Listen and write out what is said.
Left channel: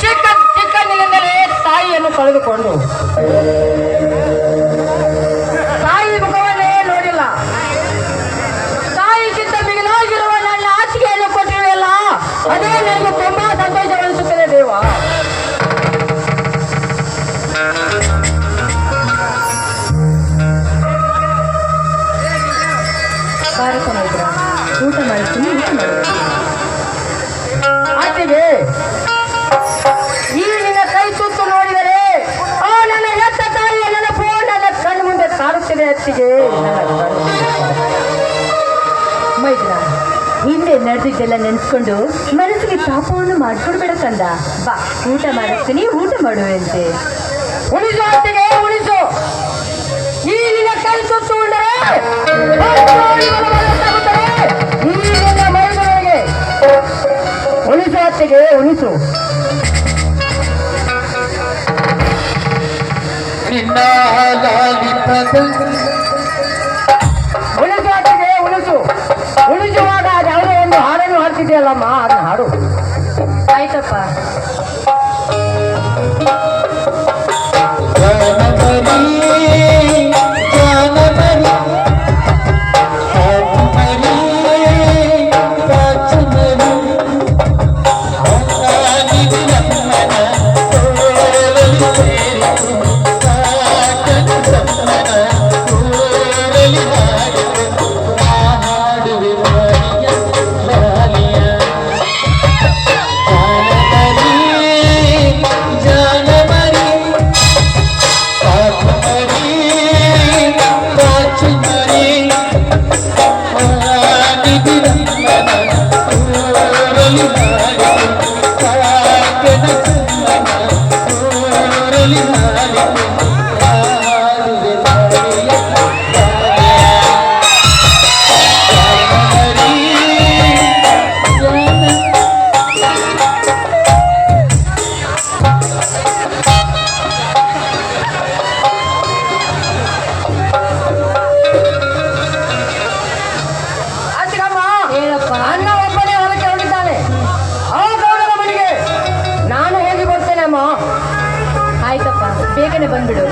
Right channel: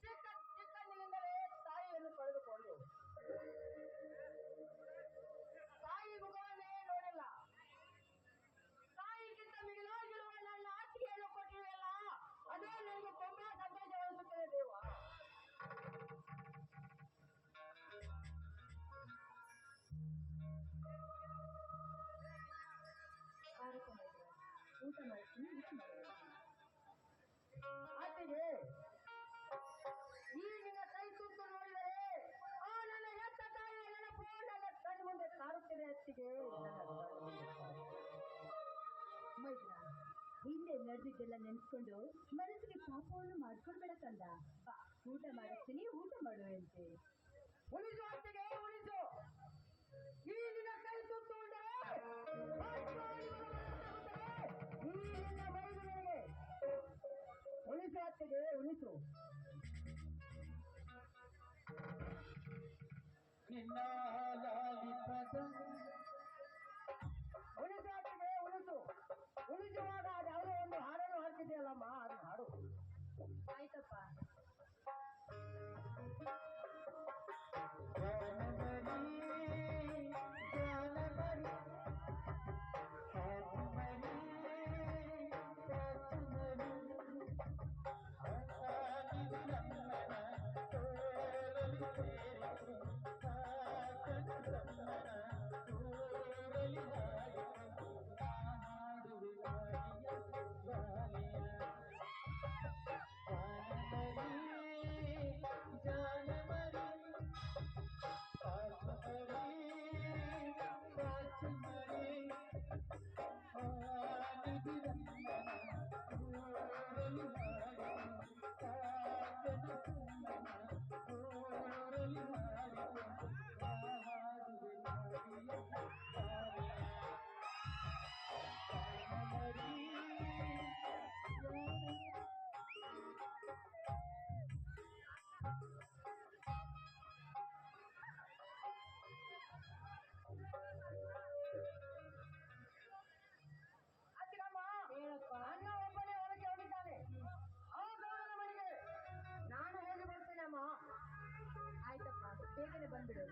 ಚಿಕ್ಕ ಚಿಕ್ಕಂದಿನಿಂದಲೇ ತಾಯಿಯನ್ನು ಕಳೆದುಕೊಂಡು ಊಟ ಮಾಡಿಸ್ತೀನಿ ಊಟ ನಿನ್ನ ಕೈ ನೋಡಿದರೆ, ಆ ನನ್ನ ಕಣ್ಣು ಮುಂದೆ ಅತ್ತಿಗೆ. ಹಿಂದೆ ನಡೆದಿದ್ದೆಲ್ಲ ನೆನ್ಸ್ಕೊಂಡು ಮನಸ್ಸಿಗೆ ತಾಪವನ್ನು ಮಾಡ್ಕೊಡ್ಬೇಡ ಕಂದ. ಬಾ, ಊಟ ಮಾಡಿಸ್ತೀನಿ ಊಟ ಮಾಡುವಂತೆ ಉಳಿಸು ಅತ್ತಿಗೆ ಉಳಿಸು. ಈ ನಿನ್ನ ಕೈ ಸುತ್ತು ಉಂಡರೆ ಅತ್ತಿಗೆ ಉಳಿಸು ಲಾಲಿಪದ ಉಳಿಸು ಉಳಿಸುವಾಗ ಯಾವುದೋ ಒಂದು ಹಾಡನ್ನು ಹಾಡ್ತಿದೆಯಲ್ಲಮ್ಮ ಅದನ್ನ ಹಾಡು. ಆಯ್ತಪ್ಪ. Thank you. ಬೇಗನೆ ಬಂದ್ಬಿಡು